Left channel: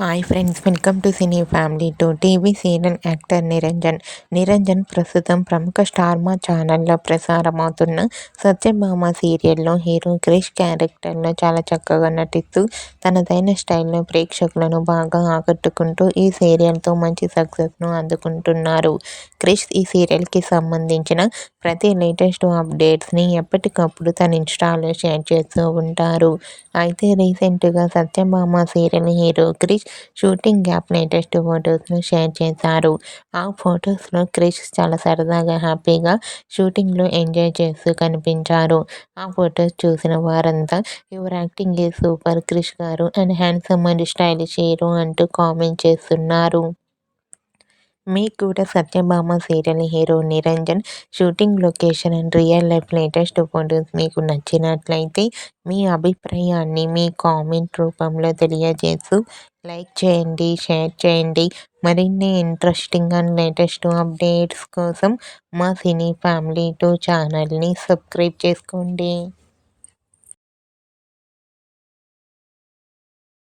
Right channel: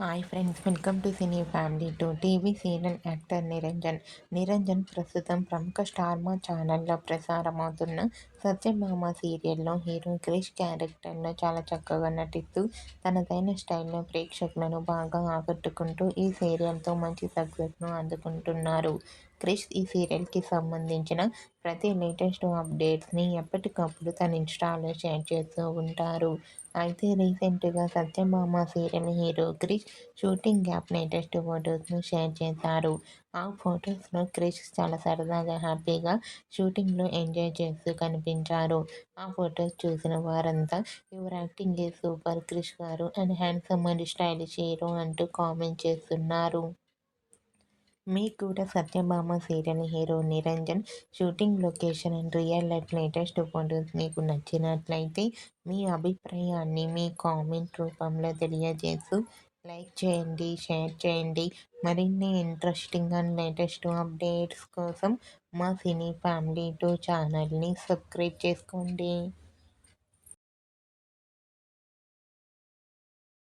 Hi friends, welcome to cine family to TV serial actor Niranjan ప్రస్తుతం ప్రముఖ star మా ఛానల్లో ప్రసారమవుతున్న సత్యభామ సీరియల్లో హీరో క్రిష్ క్యారెక్టర్లో చాలా చక్కగా నటిస్తూ తనదైన స్టైల్లో ప్రేక్షకులను బాగా ఆకట్టుకుంటూ ఈ సీరియల్తో మంచి సక్సెస్ను అందుకుంటున్నారు. క్రిష్ ఈ సీరియల్కి సంబంధించిన ప్రతి లేటెస్ట్ అప్డేట్స్ని ఎప్పటికప్పుడు తన ఇన్స్టాలో షేర్ చేస్తూ ఉంటారు. అయితే రీసెంట్గా Satyabhama serial hero Krish shooting gap latest ఫొటోస్ను షేర్ చేశారు. ఆ ఫొటోస్లో క్రిష్ చాలా సరదాగా హ్యాపీగా షూటింగ్లో ఎంజాయ్ చేస్తూ కనిపించారు. ఆ ఫొటోస్ చూసిన వారంతా your acting is super Krish garu and handsome and stylish hero అంటూ కామెంట్ చేస్తున్నారు. మీకు కూడా Satyabhama serial hero Niranjan shooting location and real life latest photos మీకు నచ్చినట్లయితే మీ అభిప్రాయాన్ని మీ కామెంట్ రూపంలో తెలియజేస్తూ లైక్ చేయండి, షేర్ చేయండి. మరిన్ని ఇంట్రెస్టింగ్ అండ్ లేటెస్ట్ అప్డేట్స్ కోసం మా సినీ ఫ్యామిలీ 2 ఛానల్ని సబ్స్క్రైబ్ చేసుకోండి.